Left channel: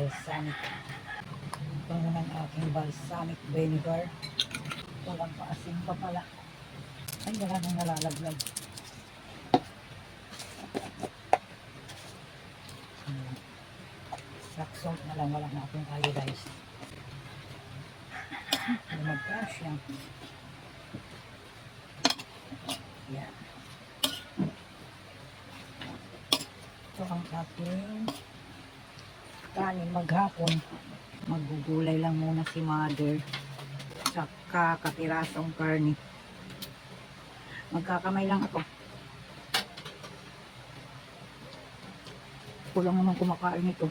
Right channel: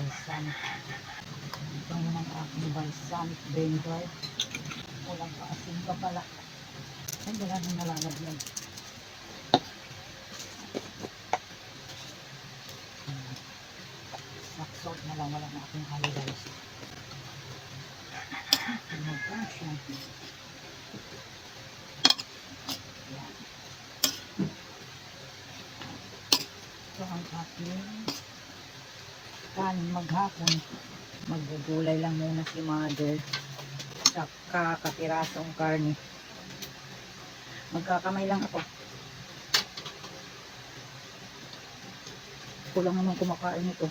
balsamic. Ito ng aking balsamic vinegar. Walang paasin pa pala. Ay, wala nang nalalaglag. Black salt na lang, wala na aking iodized. Magkasya. Yan. Ito ang aking kanin maghapon. Maggugulay lang muna si mother. Saka kapirasong karne. Magkakamay lang ako. Kulang naman kumakain ito.